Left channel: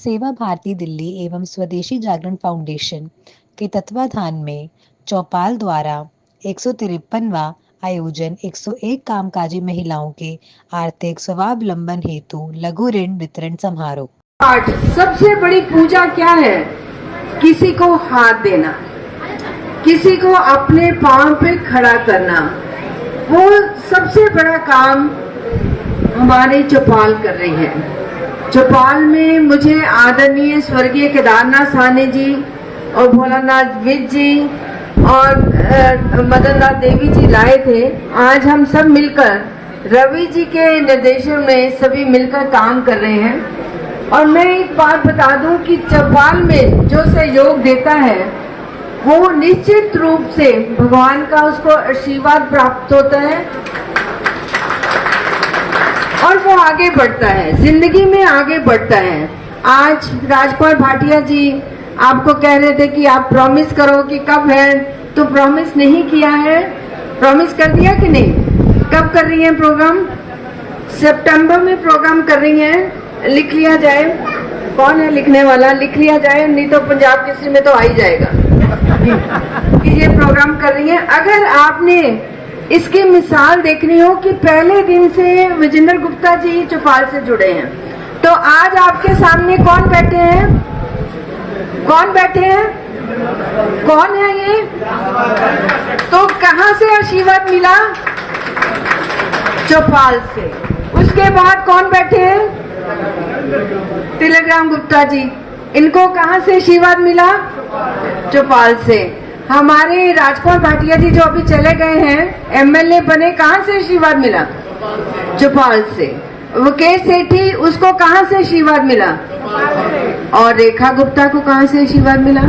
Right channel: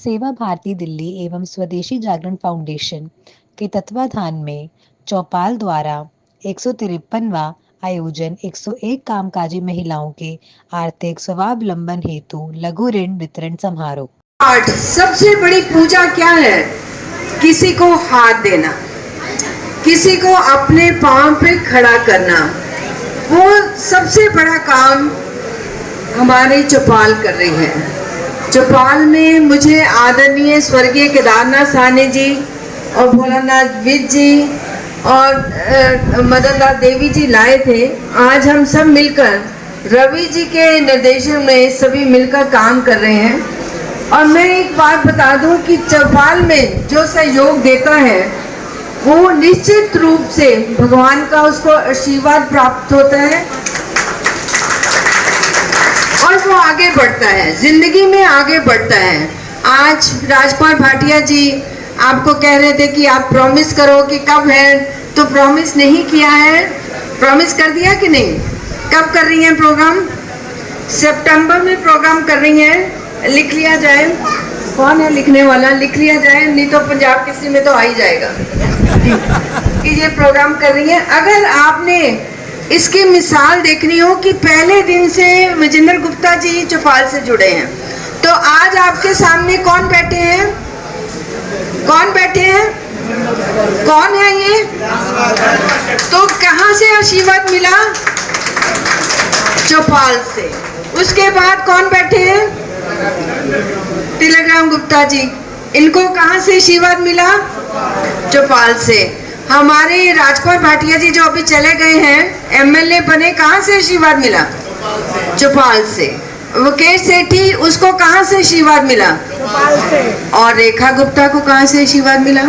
सेवा भारती दिल्ली एवं स्वदेशी जागरण फाउंडेशन के तत्वाधान में चौपाल द्वारा 153वां आयोजन 101 कामकाजी महिलाओं के आर्थिक स्वावलंबन हेतु लघु ऋण वितरण समारोह। सबसे बड़ी पूजा क्या है? किसी को हाथ देना, किसी को अपने पांव पे खड़ा करना, वो सबसे बड़ा काम हमारे चौपाल कर रही है। चौपाल में मुझे आदरणीय स्वर्गीय केदारनाथ साहनी जी और भोलानाथ विज जी और मदनलाल देवी जी लाए थे। आज हम सब मिलकर रवि जी के निर्देशन में सभी मिलकर काम कर रहे हैं। और मैं एक बात बता दूं कि चौपाल में जो सहयोग देता है वो निश्चित रूप से भगवान का उसको आशीर्वाद प्राप्त होता है और वो आगे बढ़ता है, जिंदगी में आगे बढ़ता है। आज राजकुमार भाटिया जी आपको कह रहे थे कि आप प्रॉमिस करो कि कब है, तो प्रॉमिस नहीं किया है। प्रॉमिस कर दिया कि नहीं? कब कर रही हैं प्रोग्राम? सितंबर में प्रोग्राम कर रही हैं। लिख लिया जाए, कौन है लिखने वाला? लिख लिया जाए, नहीं तो पंजाब केसरी में तो आ ही जाएगा कि ये प्रोग्राम कर रही हैं। अगर आपने इसकी मिसाल देखनी हो कि पहले दिन से विजेंद्र गुप्ता जी चौपाल से जुड़े हैं, तो आज आपके सामने कौन बैठे हैं? कौन बैठे हैं? कौन है ये? तो कहां से आशीर्वाद मिला? चौपाल से। उसके बाद कौन बैठे हैं? तिलक राम गुप्ता जी। इनको कहां से आशीर्वाद मिला? चौपाल से। हमारे राजकुमार भाटिया जी जो अभी चले गए हैं, एमएलए बने, कहां से आशीर्वाद मिला? चौपाल से। मुकेश सेठी, उसको कहां से आशीर्वाद मिला? और रेखा गुप्ता को कहां से आशीर्वाद मिला?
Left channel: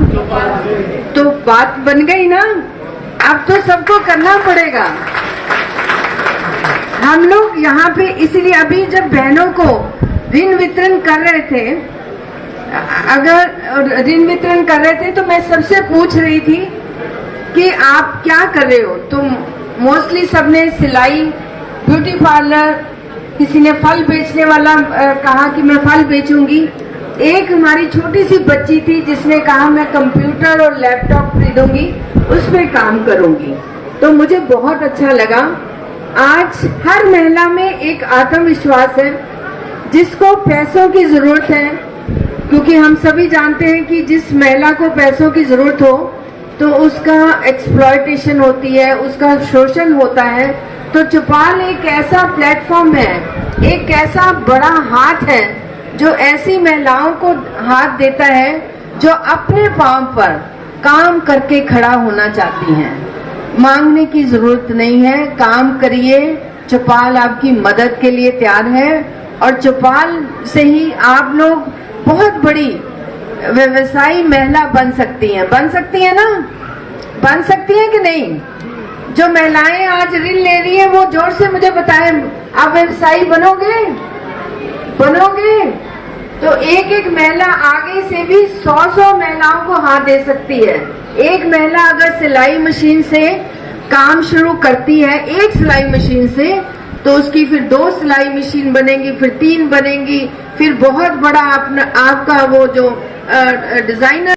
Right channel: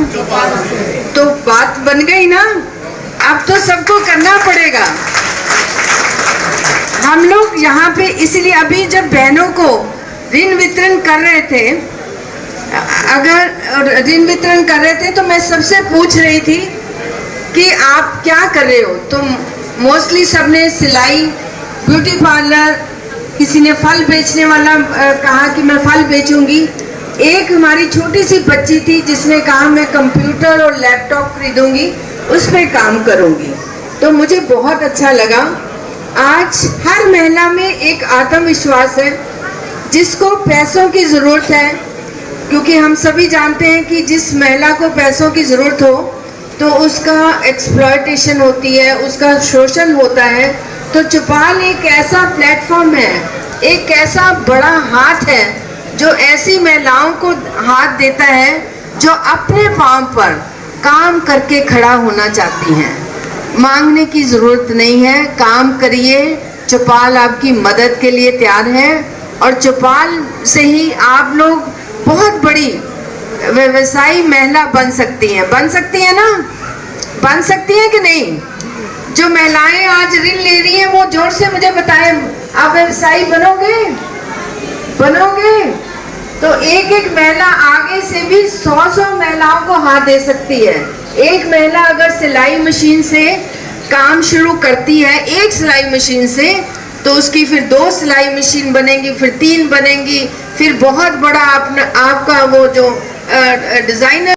तो बात बन गई ना। अब तो सबको करना पड़ेगा। हम लोग यहाँ पे इसलिए अभी जब बहनों को ऋण वितरण कर रहे थे, अगर ऋण वितरण कर रहे थे तो मैं सबसे पूछ रही थी कि आप क्या कर रहे हो? तो मोस्टली सबने सिलाई, ब्यूटी पार्लर, किसी ने फल बेचने वाला कहा कि मैं फल बेचूंगी। एक हमारी छोटी सी बच्ची थी जिसने कहा मैं कंप्यूटर और लैपटॉप खरीदूंगी, उस पर काम करूंगी। तो मुझे बहुत अच्छा लगा। आज हर महिला में एक आत्मविश्वास है। जिसको पैसों की जरूरत है, क्योंकि हम सभी जानते हैं कि जिस महिला को पैसों की जरूरत हो तो उसका एक्सप्लॉयटेशन होती है, उसका शोषण होता है। तो चौपाल एक ऐसा प्लेटफॉर्म है, एक ऐसा बड़ा हाथ है जो ऐसी महिलाओं को हाथ देता है जो अपने पांव पर काम करके खड़ा होना चाहती हैं। मांगने की जरूरत नहीं है, काम करिए। चौपाल आपकी मदद के लिए तैयार है और चौपाल से ही आप लोग बहुत बड़ी व्यवसायी महिला बन सकती हैं। बन सकती है ना? बन सकती है कि नहीं? जो महिलाएं आज ऋण ले रही है वो जोर से मुझे बताएं, आप व्यवसायी बनोगे? बनोगे? तो एक एक महिला आगे से भी 100 महिलाओं को हाथ दे सकती है। एक महिला अगर सिलाई मशीन से काम शुरू करती है, एक सिलाई मशीन से, तो उसकी फिर 2 सिलाई मशीन बनेंगी, फिर 3 बनेंगी, फिर बहुत बड़ा आपका वो जो डिजाइनर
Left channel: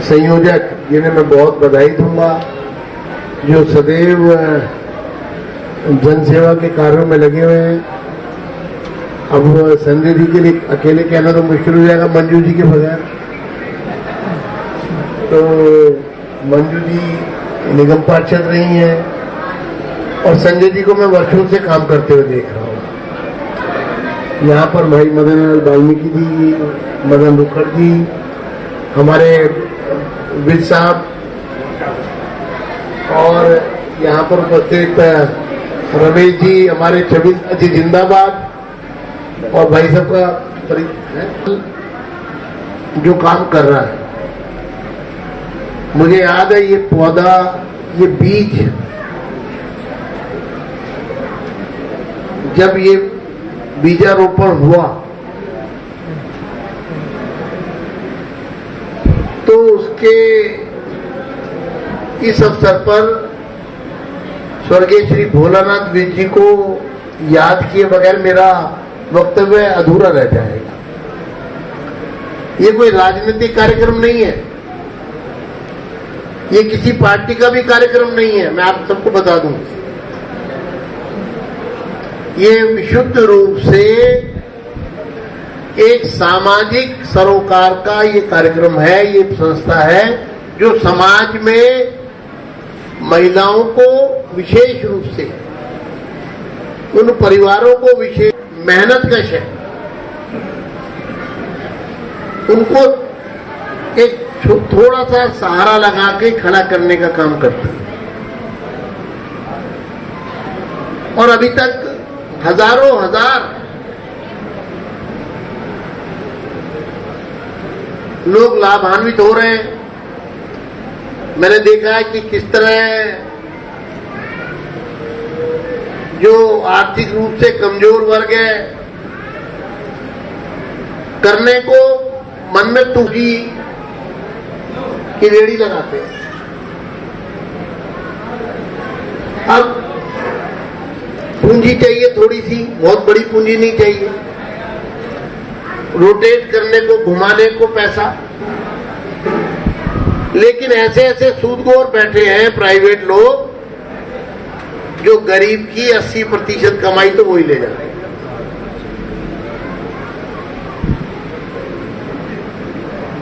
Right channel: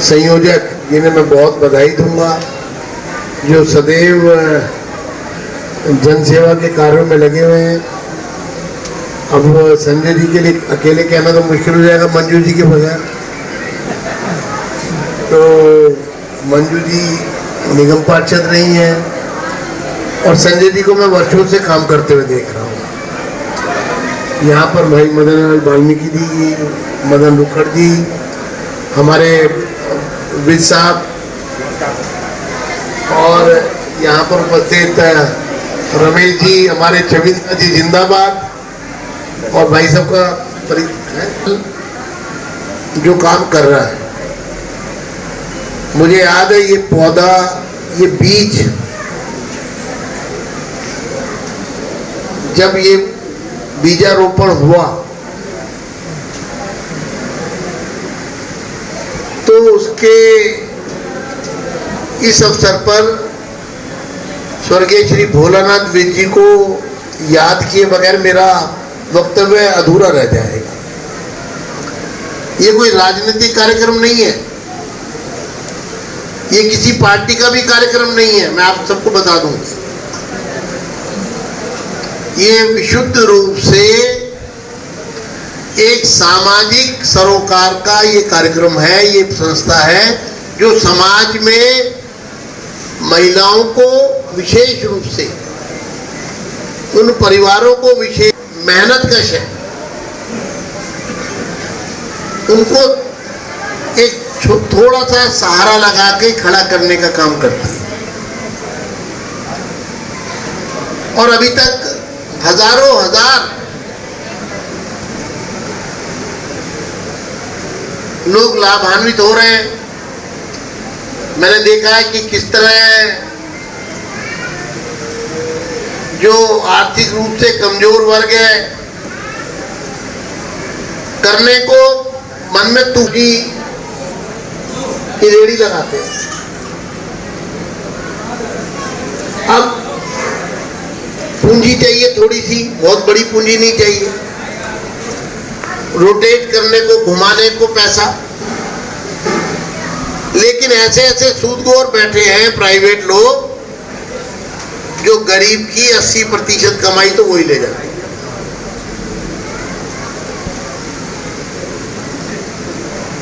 संयोजक, जिन्हें मैं बहुत बधाई दूंगा, जो सदैव जनसेवा के कार्यों में लगे हुए हैं। अब संजय जी के लिए अकेले कहना तो मुश्किल हो जाएगा मंजू जी के बगैर। तो मंजू जी निगम पार्षद रही हैं और संजय जी को मैं वर्षों से काम करते हुए देख रहा हूँ। यहाँ पर भाई मदन लाल वाल्मीकि जी, मदन रुखड़ जी, हमारे विज साहब, और यहाँ पर उपस्थित रमेश जी, हमारे छविंद्र जी जिंदाबाद, और भाई साहब का जो काम कर रहा है। मुझे याद है ये पौधा, ये बीज, जब ये बीजारोपण हुआ तो उसके इस अवसर पर स्वर्गीय श्री भोलानाथ विज जी को याद किए बगैर मेरा वक्तव्य अधूरा रह जाएगा। ये कोई राजनीतिक कार्यक्रम नहीं है, ये किसी पार्टी का भी कार्यक्रम नहीं है, मैं आप सबको बता दूं। ये विशुद्ध रूप से एक सामाजिक सरोकार का ये कार्यक्रम है, ये संस्था है जो समाज में महिलाओं को विशेष रूप से, उन परिवारों को विशेष मेहनत कश है, उनको एक थोड़ा सा सहारा लगा के खड़ा करने का काम करती है। और अभी तक हजारों हजार लोग लाभान्वित हो रहे हैं। मैंने देखा है कि किस तरह जो आर्थिक रूप से कमजोर वर्ग है, करने को मन में तुझी की रेड़ी लगाते हैं। अब पूंजी चाहिए थोड़ी सी, बहुत बड़ी पूंजी नहीं चाहिए, रोटेट करने को, घुमाने को पैसा। लेकिन ऐसे ऐसे सूदखोर बैठे हैं प्राइवेट लोग जो गरीब की 80% कमाई तो वही ले जाते हैं।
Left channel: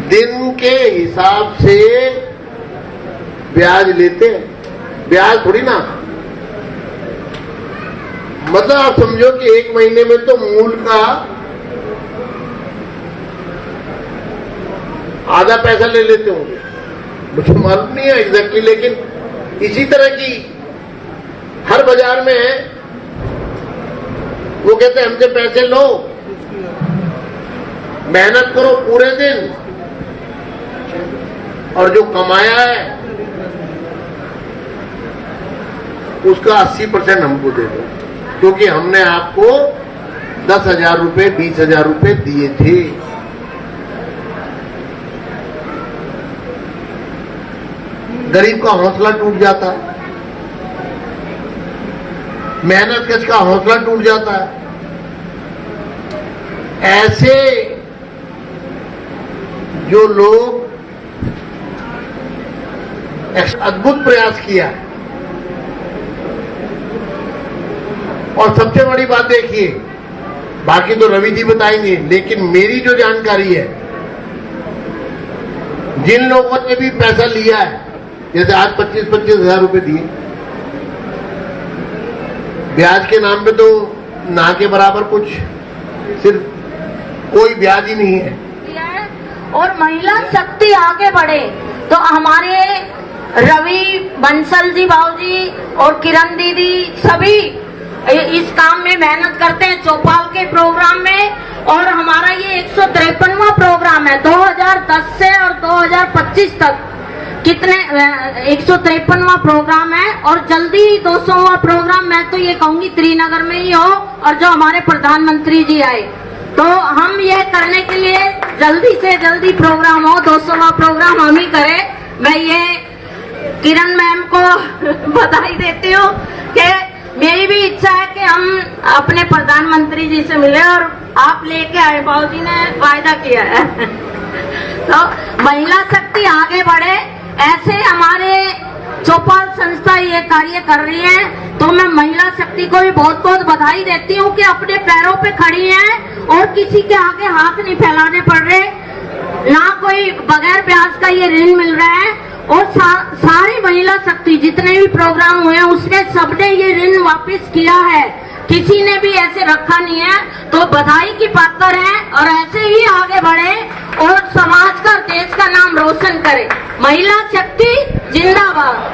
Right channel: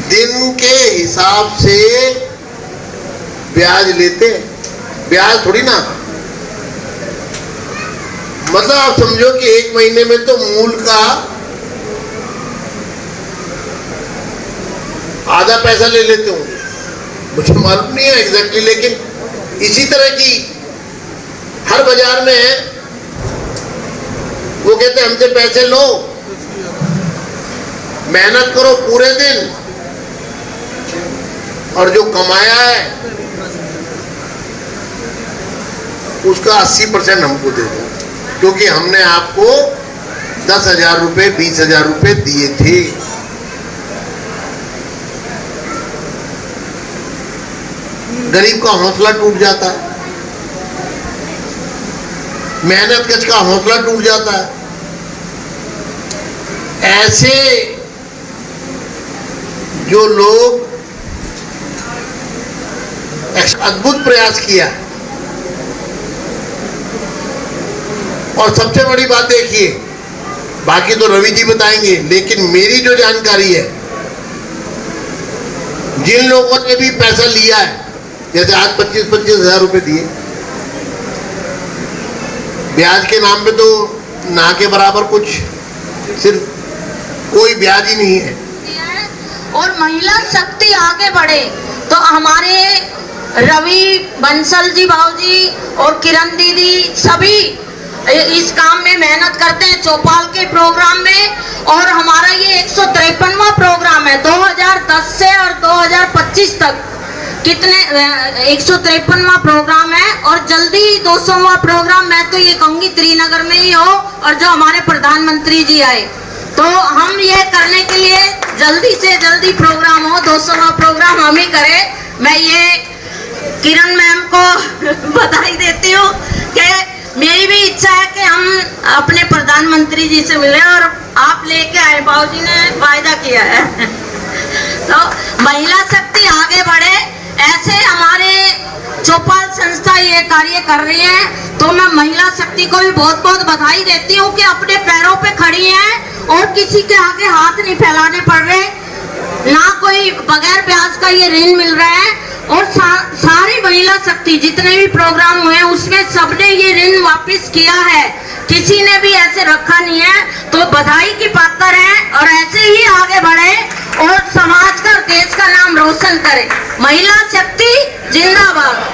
दिन के हिसाब से ब्याज लेते हैं, ब्याज थोड़ी ना, मतलब आप समझो कि एक महीने में तो मूल का आधा पैसा ले लेते होंगे, मुझे मालूम नहीं है एग्जैक्टली, लेकिन इसी तरह की हर बाजार में है। वो कहते हैं हमसे पैसे लो, मेहनत करो पूरे दिन, और जो कमाया है उसका 80% हमको दे दो, क्योंकि हमने आपको 10,000 रुपए 20,000 रुपए दिए थे। गरीब का हौसला टूट जाता है, मेहनत कश का हौसला टूट जाता है। ऐसे जो लोग अद्भुत प्रयास किया, और सबसे बड़ी बात देखिए, बाकी तो रवि जी बताएंगे, लेकिन मेरी जो जानकारी है, जिन लोगों ने भी पैसा लिया है, जैसे आज 25-25 हजार रुपए दिए, ब्याज के नाम पे तो ना के बराबर कुछ, सिर्फ कोई ब्याज ही नहीं है। और महिला शक्ति आगे बढ़े तो हमारे रवि बंसल जी भाऊजी और किरण दीदी सभी इस काम में मेहनत करते हैं, चौपाल के प्रोग्राम में। और हमारा ये 153वां प्रोग्राम है 2010 से और 2025 तक, कितने 153वां प्रोग्राम है, और जल्दी 200वां प्रोग्राम मैं तो ये कहूंगी श्रीनगर में ही हो, और जो हमारे प्रधानमंत्री जी आए तो हम ये करने के लिए जल्दी से जल्दी प्रोग्राम हो, 200वां प्रोग्राम हम ही करें। मैं ये किरण मैम को बधाई देती हूँ कि मेरी भी इच्छा है कि हम अपने प्रधानमंत्री जी से मिले, और आप लेके आए, बाबूजी ने वायदा किया है। तो महिला शक्ति आगे बढ़े, ऐसे हमारे चौपाल संस्था ये कार्य कर रही है, तो मैं महिला शक्ति को भी बहुत बहुत बधाई देती हूँ कि अपने पैरों पे खड़ी हैं और किसी के आगे हाथ नहीं फैलाने पड़ रहे, ना कोई बगैर ब्याज का ये ऋण मिल रहा है। और सारी महिला शक्ति जितने भी प्रोग्राम हुए उसमें सबने ये ऋण वापस किया है, किसी ने भी ऐसे रखा नहीं है, तो बधाई की पात्र है। और ऐसे ही आगे बढ़े और समाज का, देश का नाम रोशन करे। महिला शक्ति जिंदाबाद।